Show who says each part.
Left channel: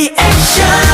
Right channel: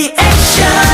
Speaker 1: reaction action!